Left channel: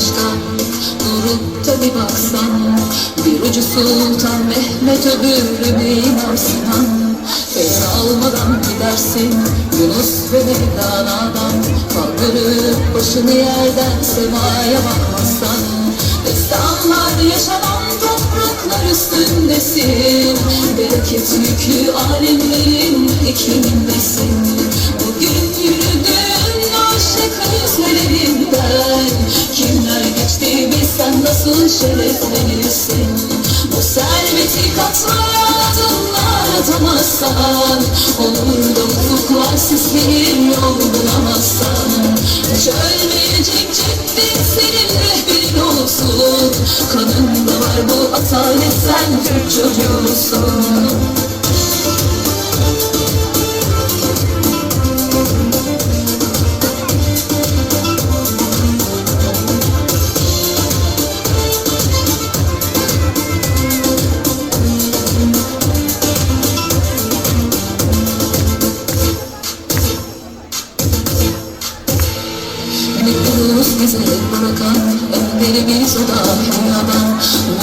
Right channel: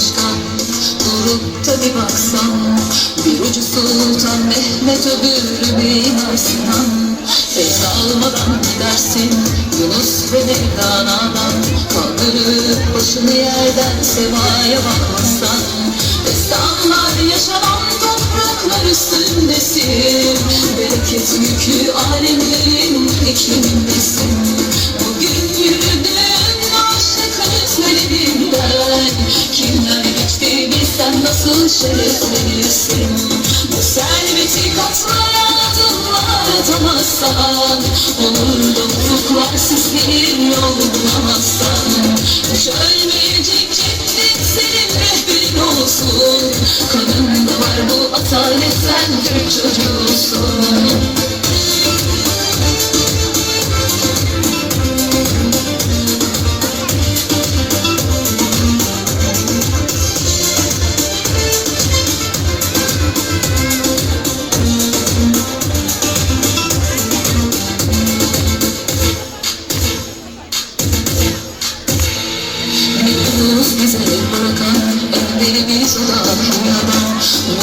başka. Durup da bir baksan, bir ucu Sultan Mehmet, öbürü Mimar Sinan. Feyz almadan gidersin Yunus ve Mevlana'dan. Kaldırıp başını yerden semaya bakmazsan, destanlar yaşanan topraklar üstündesin. Bereket yüklü alemlerin iklimindesin. Bugün yürüdüğün aşık izlerinden kimler geçti bilsen nasıl şereflenirsin. Bu serveti katlayan adımlar atamazsan, onur dolu ufuklar süslenir yol bulamazsan. Hiç ölmeyecek cennet senin rehberin olsun. Kanında var bu atalet, sen Türk çocuğusun. Bize bırakan önderimiz olan adam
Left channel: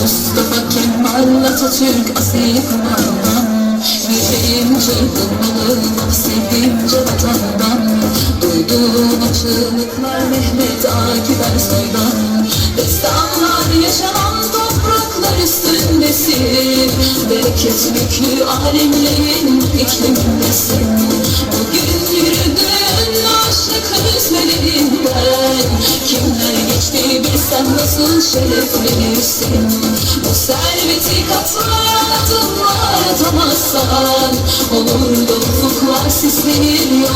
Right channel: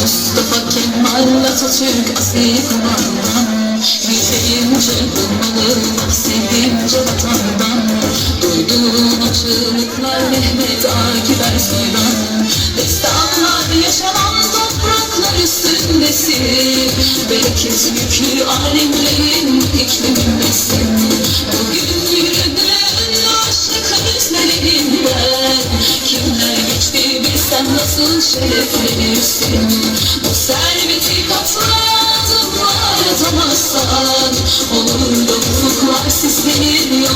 Mustafa Kemal Atatürk asil kumandan. Yüreğim çırpınmalı sevdiğimce vatandan. Duyduğum o çığlıklar Mehmet Akif Ersoy'dan. Destanlar yaşanan topraklar üstündesin. Bereket yüklü alemlerin iklimindesin. Bugün yürüdüğün aşık yüzlerinden kimler geçti bilsen nasıl şereflenirsin. Bu serveti katlayan adımlar atamazsan, olur da ufuklar sislenir